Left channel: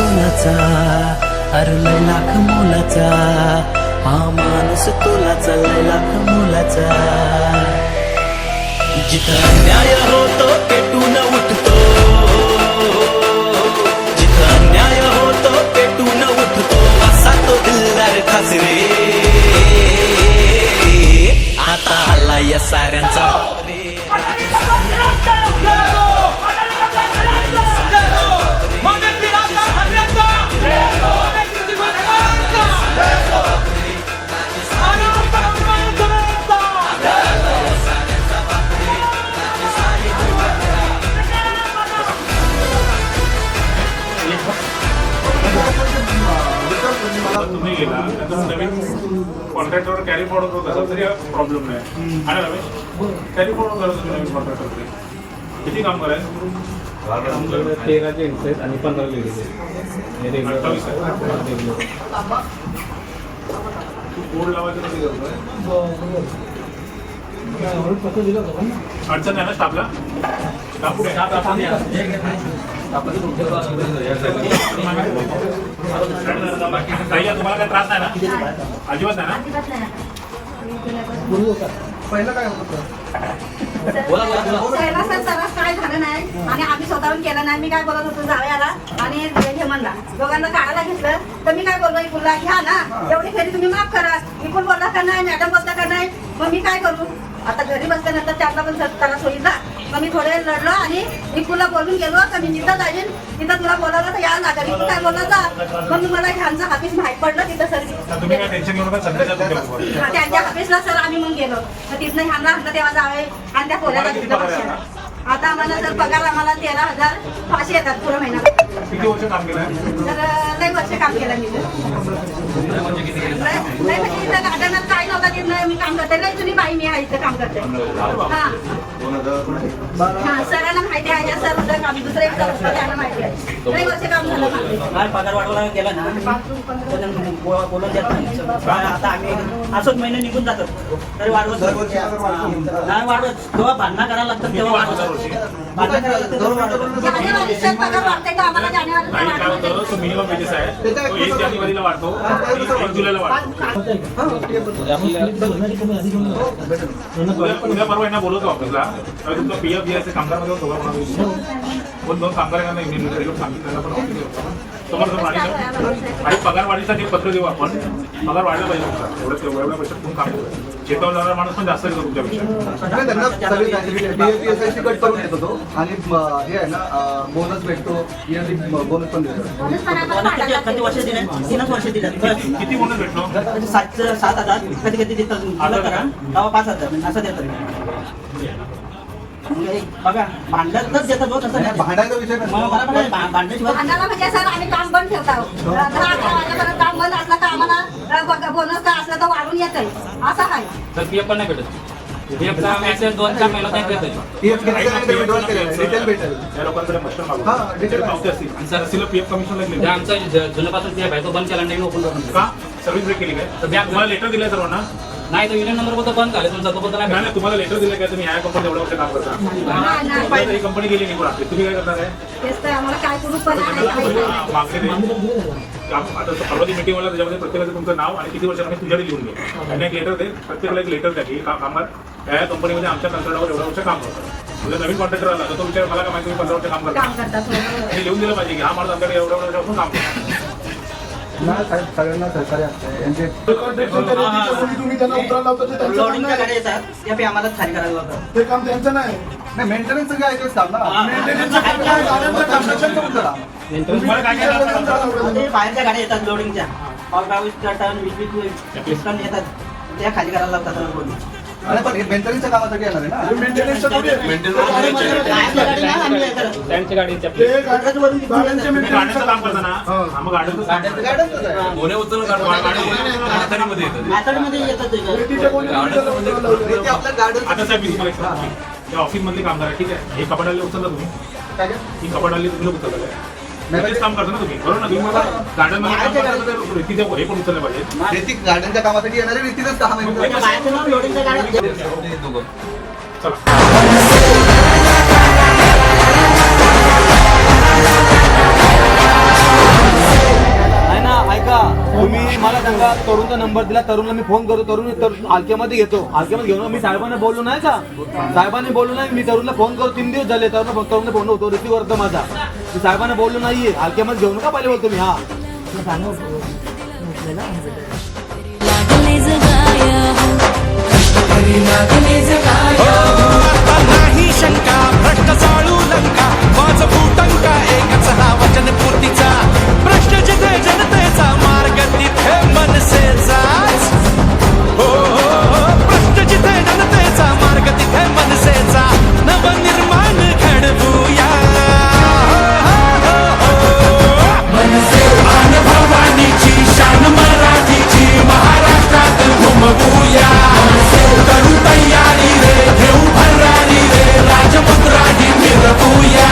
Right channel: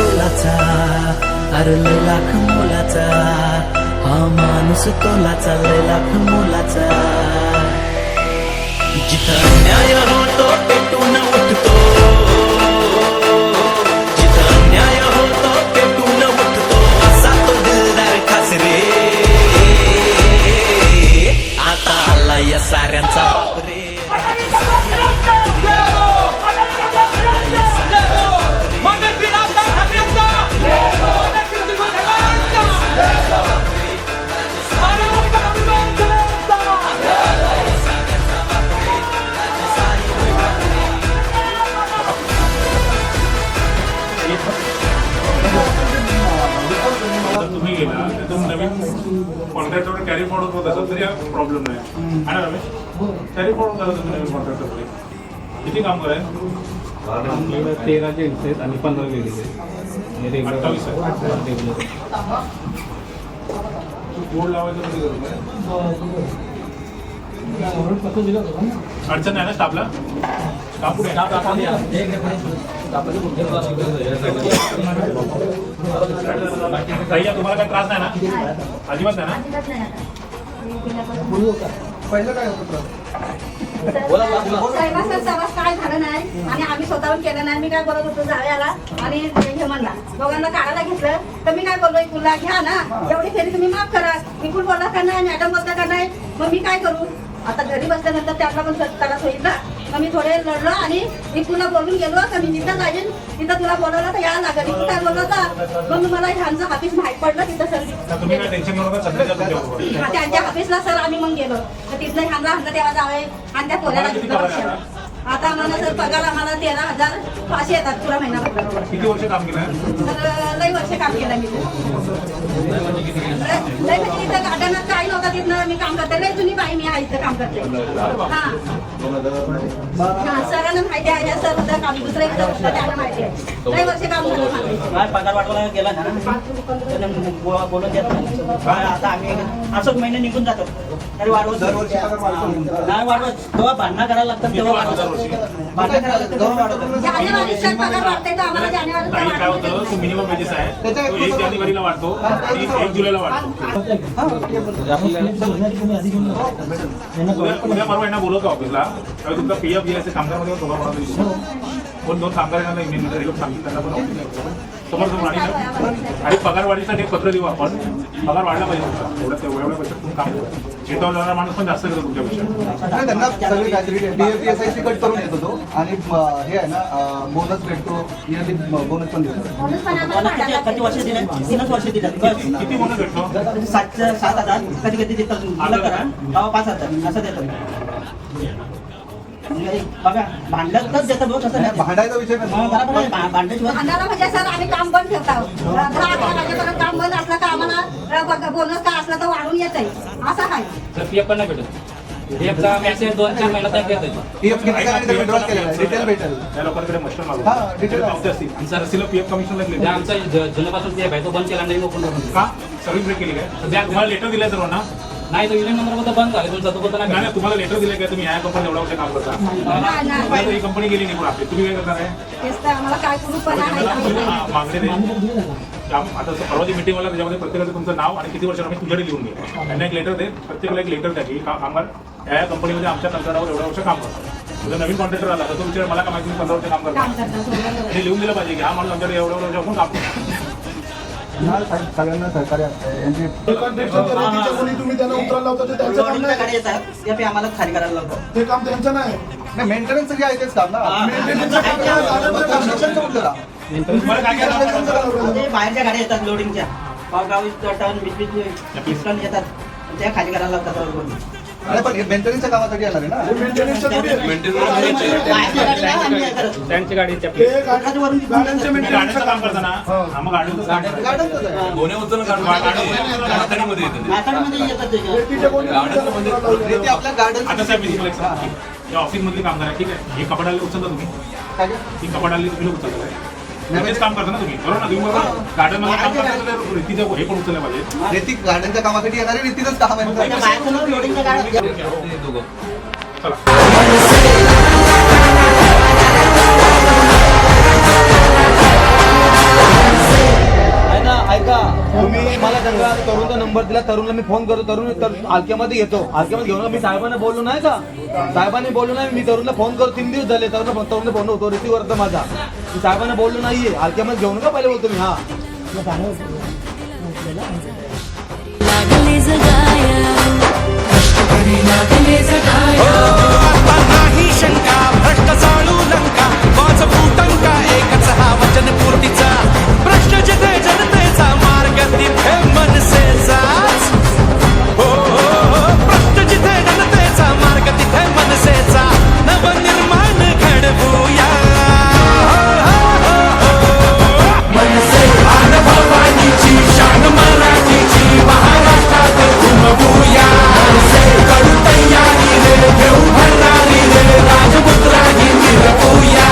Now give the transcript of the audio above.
तोलाचा, अरे लय लाख मोलाचा, हा माणूस तोलाचा, लय लाख मोलाचा. जिथं अन्याय होतो पेटून उठतो, जिथं अन्याय होतो पेटून उठतो, असा तो दिलदार खासरे. आता आला या साऱ्यांचा रे. तुम्ही गेला नवीन कॉन्ट्रॅक्टवर कॅरी फॉरवर्ड होत असेल तरी प्रॉब्लेम नाही. आणि रमेश कॅरी फॉरवर्ड करत नवीन कॉन्ट्रॅक्टरचे किती कामगार आहे? 13 जेंट्स आहेत आणि 15 लेडीज आहेत. 28 बोर्ड लावायचं कधी करतो? अडचण आहे ना स्टाफला? स्टाफ कुठे तुम्हाला काय त्रास नाही ना? अजिबात नाही ना? पहिलं काय होतं? पहिला सर सर्रास काय झालं नाही आणि आम्ही स्वतःहून केलं नाही. मी काय बोलत होतो जावयाला आणि हेमंतला दोघांना काढायला घेतलं तर मी काय बोललो इकुलला घ्या ना, एवढी फेरी तुम्ही माफ करा. इकुल बोलला का नाही, मॅडम बोलता का नाही, मग मी काय करू? आता घरी बसल्यानंतर त्यांना पण त्रास होईल ना. मग मी थोडे लढलो आणि इकुलला बोलून गेलो का मी तिथं जाईन, तिथं तुला बोलावलं तर या लागेल. तू काय बोलला तर मग मला ह्यांचं हाफिस माहीत पडलं तिथं सर. त्यांच्या हाफिसला सर आम्ही मग गेलो तर तिथनं ह्यांना तेव्हा जावे आणि त्या पोल्याला घेतलं बक्षाला. आता आम्हाला सर पगार आम्हाला 13,500 येतात पुरा महिना. किती वर्ष काम केलं? तर लई वर्ष काम केलं मी. म्हणजे इथं गार्डनात काही लोक तिथनं मी काम करते. लई जुनी बाई मी आहे इथं काम करते. हा सरांना माहिती आहे सर काम दुसरं एक त्यांना माहिती आहे. लई वर्ष काम झालं. पगार वाढवायला गेला ना बोलून देत नाही. आता आम्ही असंच महिने निघून जातो तरी वाढवत नाही वाढवत. जेव्हा भांडणं करायला लागतात तेव्हा वाढवत. जानेवारी सर पगार वाढते का आम्हाला? जानेवारी काही काय होतं तो मिनिमम वेजेस आहे तो 1 जानेवारीला वाढतो आणि 1 जुलैला वाढतो. उद्या परवा यांना बोलवतो ऑफिसला तेव्हा तुमचा पीएफ घ्यायचं कामगारमध्ये कोण 2 कामगारांना इंडियन लोक सांगितलं त्यांना पण ऑफिस समोर आणि पगार वाढीसाठी एक पत्र देऊ आपण. पगार वाढला पाहिजे तुमचा एवढ्या पैशात तुम्ही काम करू. शेतावर जाणारा माणूस पण जास्त येतो तुमच्यापेक्षा. त्यांना सगळी फॅसिलिटी कट करून येत होतो आणि हे आहे ना बोनस भेटतो, बोनस पण देतो. किती वर्ष दिले? 3 वर्ष दिले. किती बोनस भेटतो? 7,000 कधी कधी देतात. 5,000 असं देतात. बघा भांडतच देतात बघ. तसं भांडायचा विषय भांड्याशिवाय भांडायला म्हणजे सर आम्ही काम बंद ठेवतो. 10-11 वाजेपर्यंत काम बंद असला तर आम्हाला बोनस का असला तर वाढून येत आहे असं आहे. तर पीएफ पण नाही भेटत. पीएफ का मेसेज 2-4 महिन्यात नाही भेटत. रिटेल भेटेल. त्या लोकांकडे मस्त मागू हा, डिटेल पावते असतील आणि सरसीला पीएफ कमिशन लागले आमचा जुन्यापासून पीएफ आहे तो बंद केला नाही. ओपन का सगळी ब्रेक केली काय? तुम्हाला लेटर दिलं सर्वांना? नाही तर युनियन नंबर बोलतो बंद झाले तुमचा तो बोलतो नाही. नाही तुम्हाला लेटर दिलं काय तुम्ही ह्या कंपनीत एवढ्या वर्ष काम करता? तुम्हाला ही कंपनी गेली नाही आपली तुम्ही काय करणार आहे? तेच तर आम्हाला काय करू पण आहे. मागचे काम आता परवाची मीटिंग मला त्याच्यामध्ये प्रत्येकाचं तुमचं नाव आणि किती वर्षांनी तुझ्याकडे लिहून घे. त्यांना एक लेटर दे, प्रत्येकाला एक लेटर द्या की कामगार या कंपनीमध्ये आमच्या कंत्राटावर एवढ्या वर्ष काम करतात. म्हणजे नवीन कॉन्ट्रॅक्टर आला तर तो विचार मला का माहिती 15 वर्ष काम करतात आणि लिहून दिलं पाहिजे की हा माणूस आमच्याकडे एवढ्या वर्षापासून काम करतो. सगळ्यांना सहकार्य यांचे तुम्ही त्यांना उतरायला लावता ते त्यांचं काम नाही. येतात ते आम्हाला खाली करायला लावतात. ते काम त्यांचं नाही. मेंटेनन्स जे आहे तेच काम ना. तुम्हाला काय काय ते बाहेरच्या गाड्या येतात लोडिंगच्या गावी टन 20 टन येतात त्या खाली करायला लावतात. अरे पण मेंटेनन्सच्या कामासाठी येणार आहे ना. मेंटेनन्सचं थोडी आहे. त्यांची गाडी ते गाड्यांच्या तुम्ही मेंटेनन्स गाड्यांचं काम करता ना? हा, मग गाड्यांचं काम करता. गाड्यांचंच आहे. मॅथडमध्ये येतात ते. ते आपल्या गार्डन आता साहेब मी तुम्हाला एक सांगतो. या ऑफिसमधली कामगार आहे ठीक आहे. हे कपाडाला उचलता तुम्ही? ही कपाडाला तुम्ही लोक उचलता काय? तेच काम करता ना तुम्ही बरोबर ना? तुम्ही मला गार्डन मध्ये काम करता तर रेतीचं हे पण उचललं पाहिजे. रेती गार्डनच्या कामासाठी येणारे रेतीचंच काम आहे. लोडिंगच्या गाड्या चला सांगा तरुणचा नंबर दिला, तरुणला मी फोन करतो, तरुण हलक्यामध्ये घेतो, हलक्यामध्ये घेऊन मी साहेबांना बोललो नाही का, साहेबांनी बोललो नाही, मी तरुणला फोन करतो 3 दिवस झाले, तरुणला फोन होतो रिसिव्ह करतो माझा, मी साहेबांना बोललो नाहीये, हलक्यामध्ये घेऊ नका पहिले बोलतो मी. हा आता नाही शंका, भ्रष्ट चाळू लंका, वाज फुटंका, एकच हा वचन पूर्तीचा प्रश्न जिथे जनतेचा मार्ग तिथे मनसेचाच. हो प्रश्न जिथे जनतेचा मार्ग तिथे मनसेचा, नवनिर्माण घडवूया. भवानीची शान मराठीची महाराष्ट्रात घुमवूया. करू तयारी रे, घेऊ भरारी रे, राजमुद्रा ही मिरवूया.